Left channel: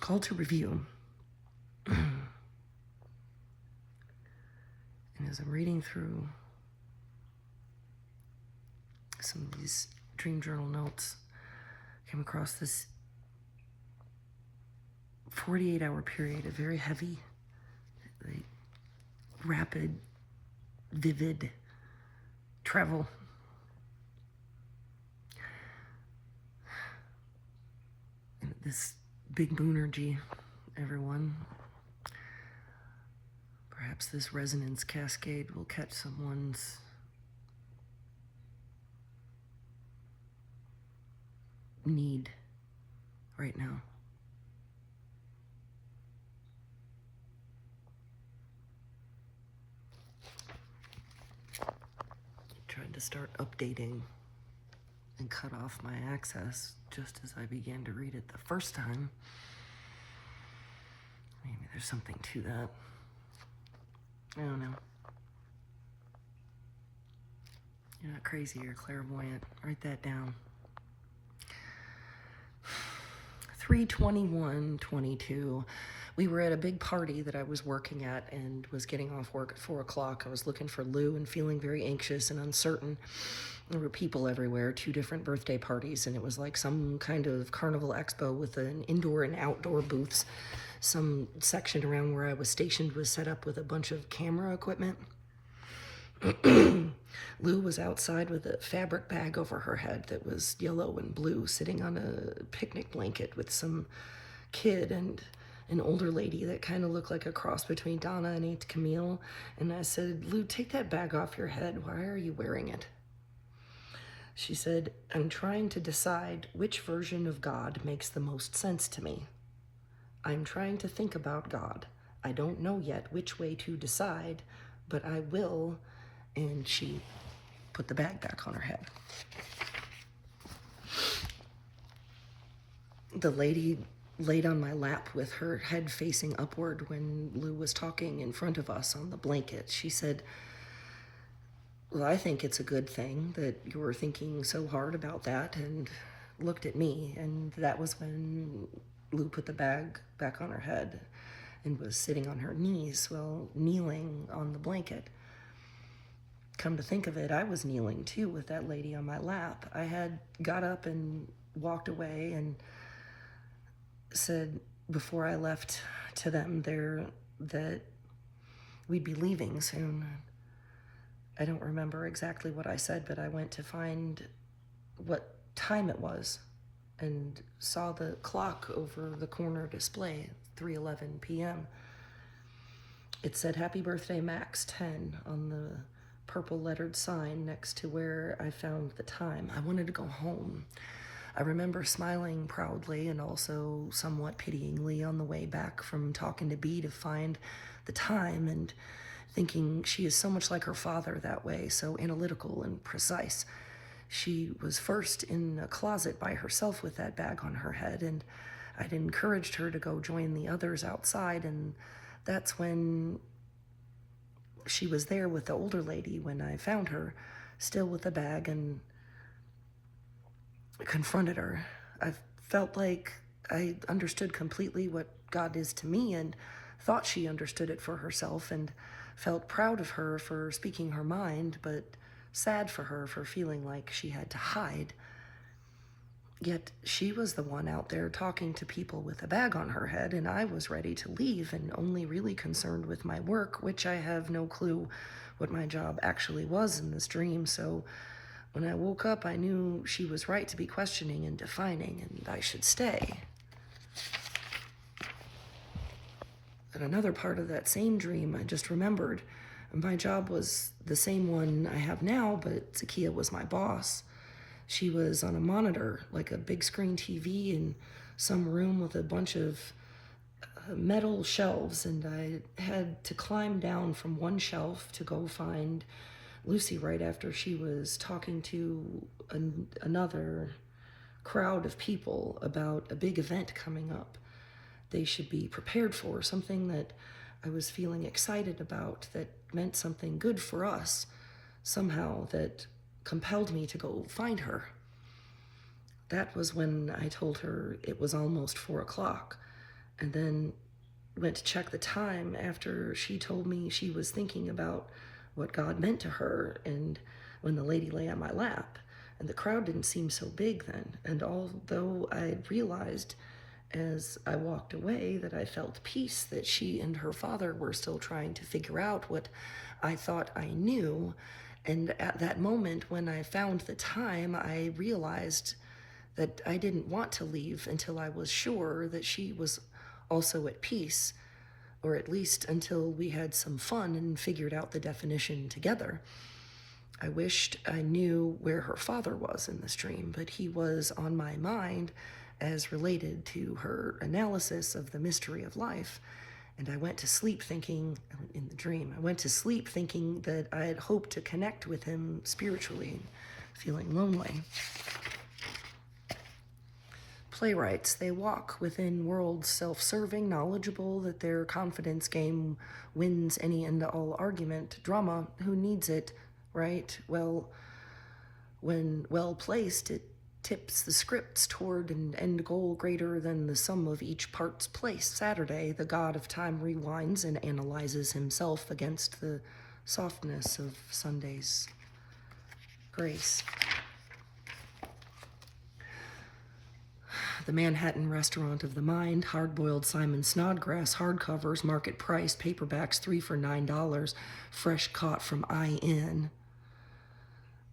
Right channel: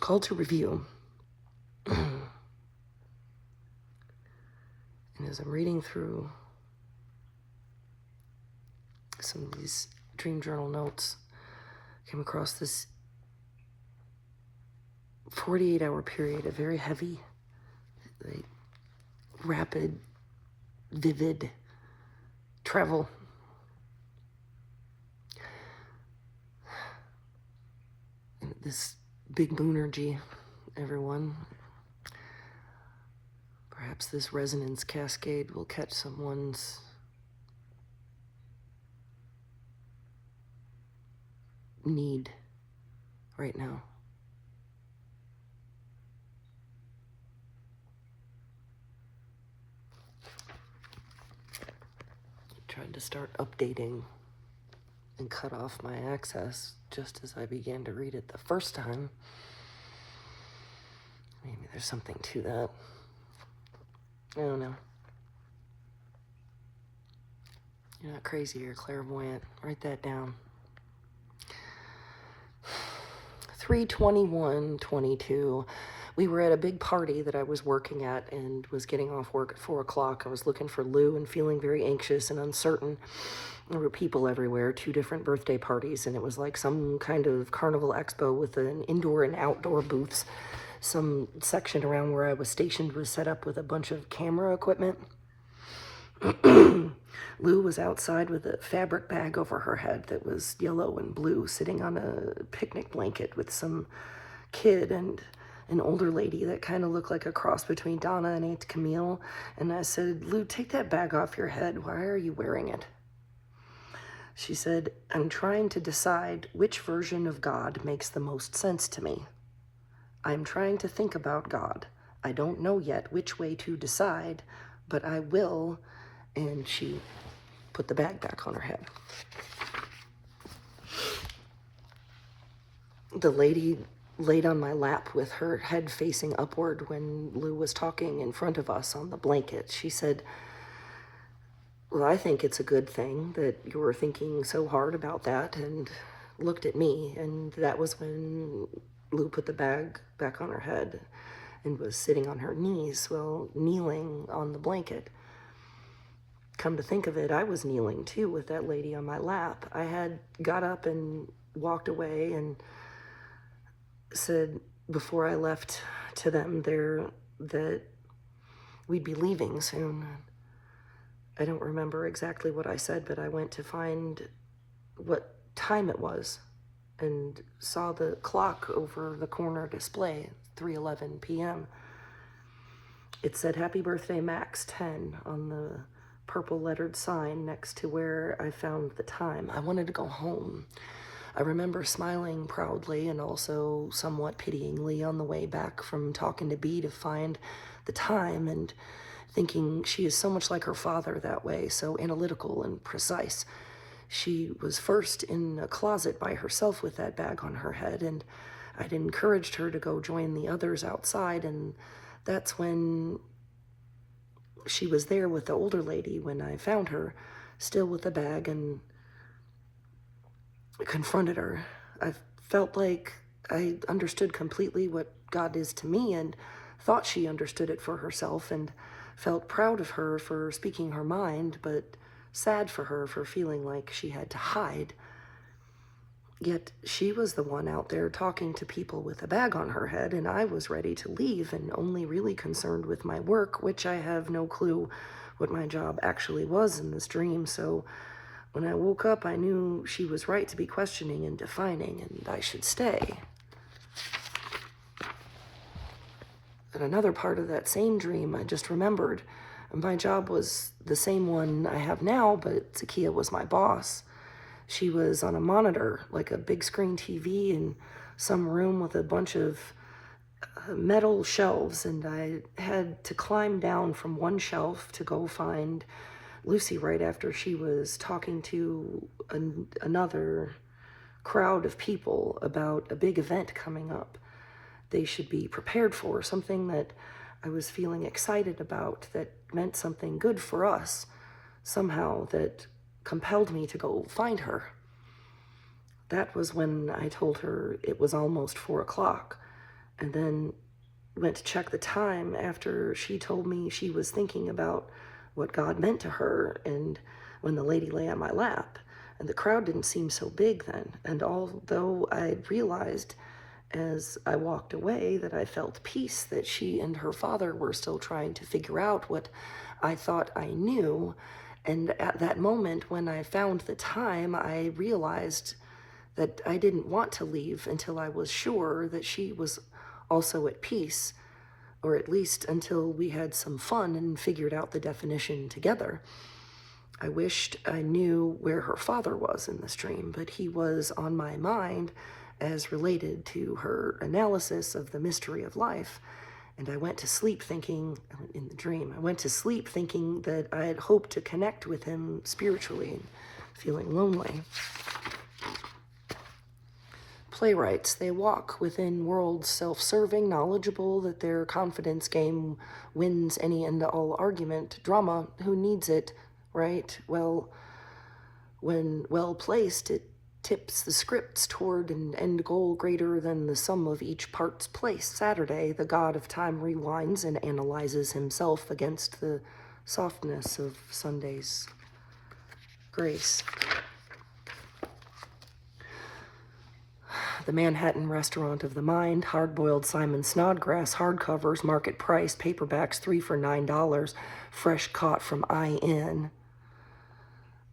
called to review. And as I'm reading through some of these dream journal notes, I came across this 48-hour period of very heavy, rapid, vivid travel. And this big boonergy, everyone. Perhaps this resonance cascade will catch someone's need right now. Trying to start updating and cut off my access just as I began to read it the first time. Maybe there's something to that. I don't know. You're not crazy, you're clairvoyant. Write that down. 3/21/22. We were at a big party that I was working at and was getting off work at 4 o'clock. I was looking for Lou and feeling very anxious and uncertain. There were people everywhere, 2 different birthday parties, and it was like some kind of carnival expo with an indoor and outdoor booths. Some section around where I was stationed was set up with a bunch of camera equipment. Lou was outside with a fabric bag over her head that was yellow and blue, sitting on a picnic blanket with some kid and an older lady that kind of looked like a cross between Donna and Aunt Camille. And I said, Lou, take that bag off your head. Why are you wearing it? She said, I'm trying to decide which version of God makes the most sense to me. I'm trying to think about God. I don't know yet which way to decide, but I will. And she put the bag back on her head. The lady laid on my lap with her head facing upward when Lou was talking in front of us on the blanket. She said, well, I think it's a good thing that you're thinking so hard about that, and looked at me. And that was when Lou put the bag back on her head and was sitting on her knees, well, kneeling on the blanket. Come to think of it, I was kneeling too with that lady on my lap. I had got up and walked away and said before I left to them there that we'd be leaving soon. I don't remember exactly what I said, but I went to find what time it was and saw the clock over the corner display, 3:11 p.m. It said, Happy Birthday, Max, 10 on the purple lettered sign next to where I found the time. I wanted to go home. I remember smiling proudly and also somewhat pityingly on the way back from talking to Bea to find the time, and thinking she is so much like her father that way, so analytical and precise. She was first in a closet by herself with that bag on her head, and I'd encouraged her to go join the others outside, and that's when she was there with the older lady when I found her, still with the bag, and confronted her. I felt like I understood completely what God is to me, and thought she understood it for herself, and felt proud of her for speaking her mind, but sad for her for feeling like she had to hide. Yet she was the one out there talking to people with a bag on her head, and I was ready to leave and only really concerned with my work, which I have no clue what my job actually was in this dream. So when I woke up, I knew she was right to be questioning and defining, and I should stay. And another part of that same dream, I just remembered, my job was the same one I have now, but Zakia was my boss. She was on a monitor, like a big screen TV in some room with a bunch of metal shelves, and I had to climb down from one shelf to go find Lucy right after she was talking to another crowd of people about a big event coming up they should be prepared for, something that I was feeling excited about, that meant something good for us, somehow, that compelled me to go find her. That was when I told her it was almost 4 o'clock, and then went to check the time after she told me she was thinking about what God meant to her, and when the lady lay on my lap. And the crowd didn't seem so big then. And although I realized as I walked away that I felt peace, that she and her father were still trying to figure out what I thought I knew. And at that moment, when I found the time, I realized that I didn't want to leave until I was sure that she was also at peace, or at least until we had some fun and figured out the definition together. I wished I knew where her father was in this dream, but he was on my mind as related to her analysis of the mystery of life. And I went to sleep thinking, in the dream, I went to sleep thinking that I had hoped to connect with him spiritually, and feeling lonely. Playwrights, they walk within worlds self-serving, knowledgeable that their confidence game wins any and all argument. Drama, who needs it, right? Well, when well placed, it tips the scripts toward an end goal greater than the sum of each part's place. Saturday, the god of time rewinds and analyzes himself against the softness of Sunday's grace. The Manhattan Restaurant of the Mind, hard-boiled Simon Snodgrass, hardcovers, market price, paperbacks, 3 for $9, fresh caught from IN.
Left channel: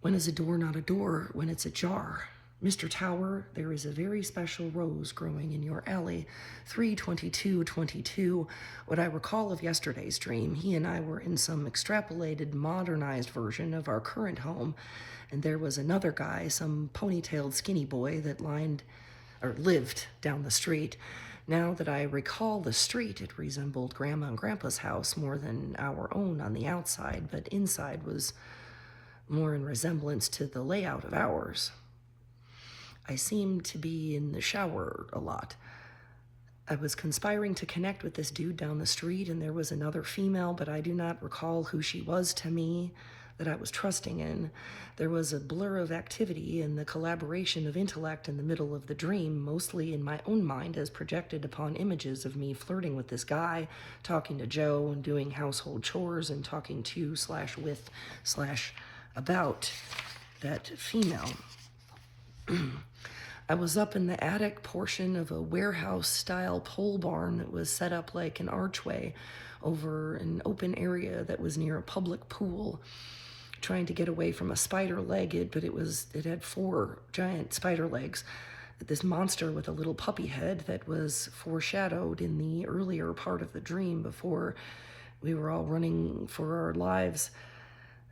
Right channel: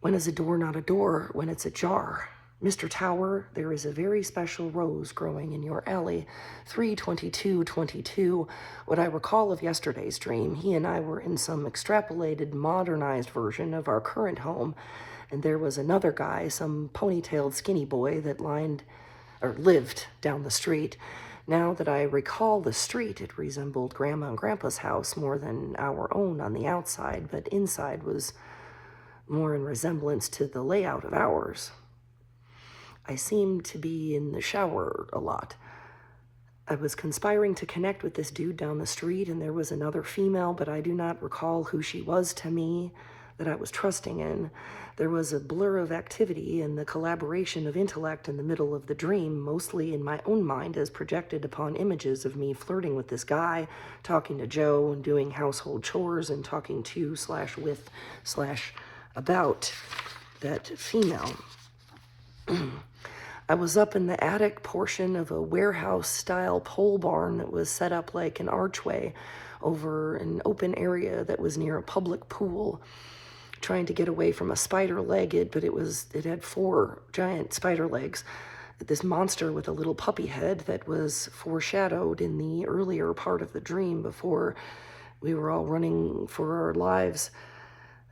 When is a door not a door? When it's ajar. Mr. Tower, there is a very special rose growing in your alley. 32222. What I recall of yesterday's dream, he and I were in some extrapolated, modernized version of our current home, and there was another guy, some ponytailed skinny boy that lived down the street. Now that I recall the street, it resembled Grandma and Grandpa's house more than our own on the outside, but inside was more in resemblance to the layout of ours. I seemed to be in the shower a lot. I was conspiring to connect with this dude down the street, and there was another female, but I do not recall who she was to me, that I was trusting in. There was a blur of activity and the collaboration of intellect in the middle of the dream, mostly in my own mind as projected upon images of me flirting with this guy, talking to Joe and doing household chores and talking to/with/about that female. I was up in the attic portion of a warehouse-style pole barn that was set up like an archway over an open area that was near a public pool, trying to get away from a spider-legged, but it had 4 giant spider legs. This monster with a little puppy head that was foreshadowed in the earlier part of the dream before we were all running for our lives.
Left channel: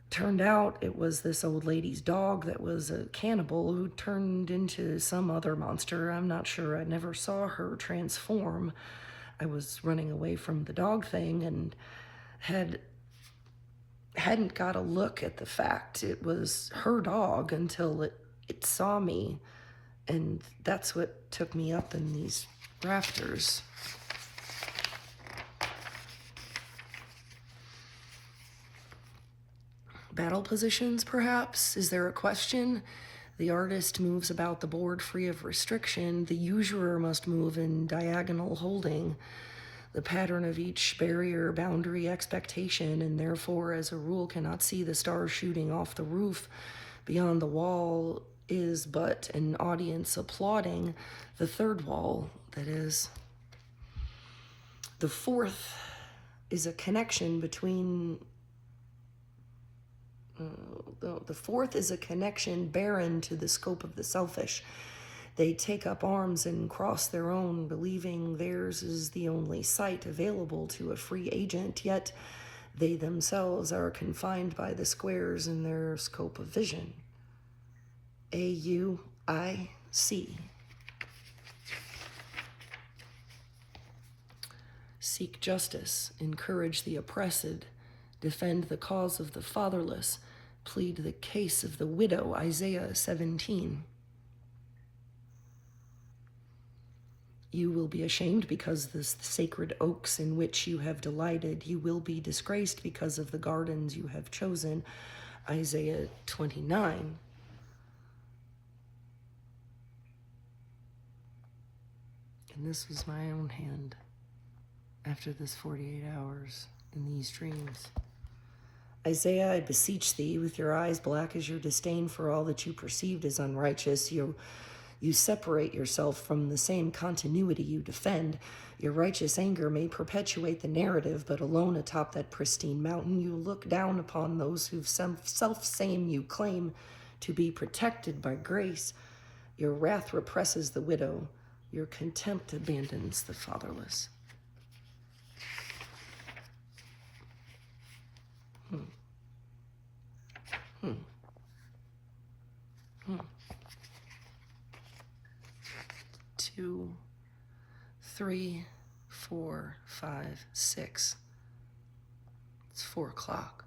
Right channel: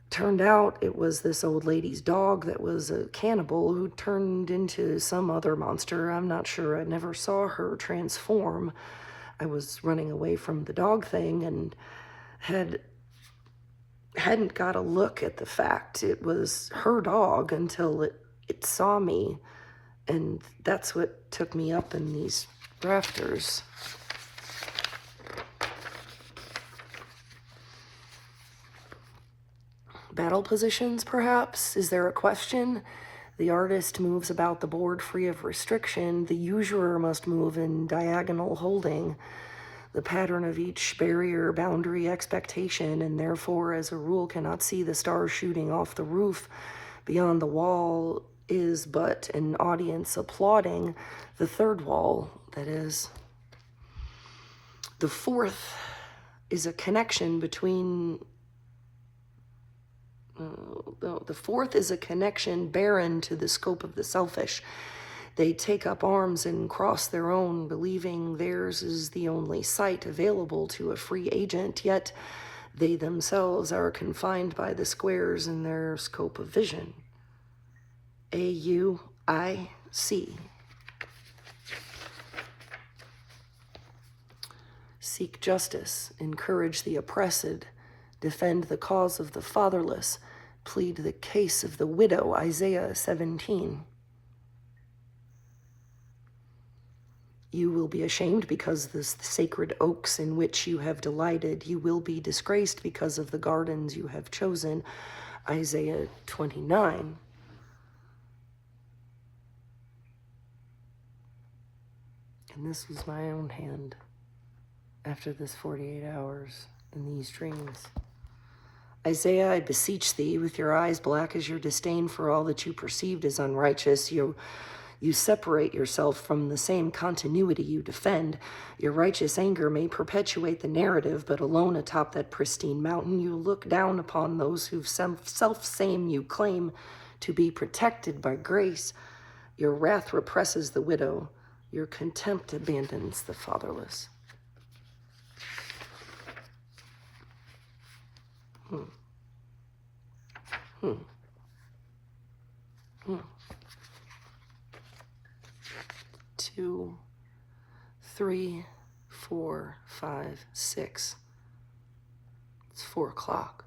Turned out it was this old lady's dog that was a cannibal who turned into some other monster. I'm not sure. I never saw her transform. I was running away from the dog thing and hadn't got a look at the fact it was her dog until it saw me, and that's what took me up in these rafters. Battle positions, perhaps? Is there a question? The artist moves about the board free of restriction. The usurer must move in diagonal holding. The pattern of each barrier, boundary, expectation, and therefore, as a rule, cannot see the stars shooting off the roof. Beyond the wall is but an audience applauding. The third wall, that is. The fourth is a connection between... The fourth is a connection barren to the scope of the selfish. They take up arms and cross their own, believing theirs is the only sight available to a free agent, yet they themselves are confined by the squares in their scope of vision. AUIC. Seek justice, encourage the oppressed, defend the cause of the fatherless, plead the case of the widow, Isaiah 17. You will be ashamed because the sacred oaks in which you have delighted. You will be disgraced because of the gardens you have chosen, Isaiah 29. And this was my own hand. after this 48 hours in these dreams. Isaiah, I beseech thee, with your eyes black as your disdain for all that you perceived as unrighteous, you separate yourself from the same continuity you defend. Your righteous anger may perpetuate the narrative, but alone atop that pristine mountain, you look down upon those whose self-same you claim to be protected by grace. Your wrath represses the widow. Your contempt abandons the fatherless. Hmm. 2, 3, 4, 5, 6. It's 4 o'clock.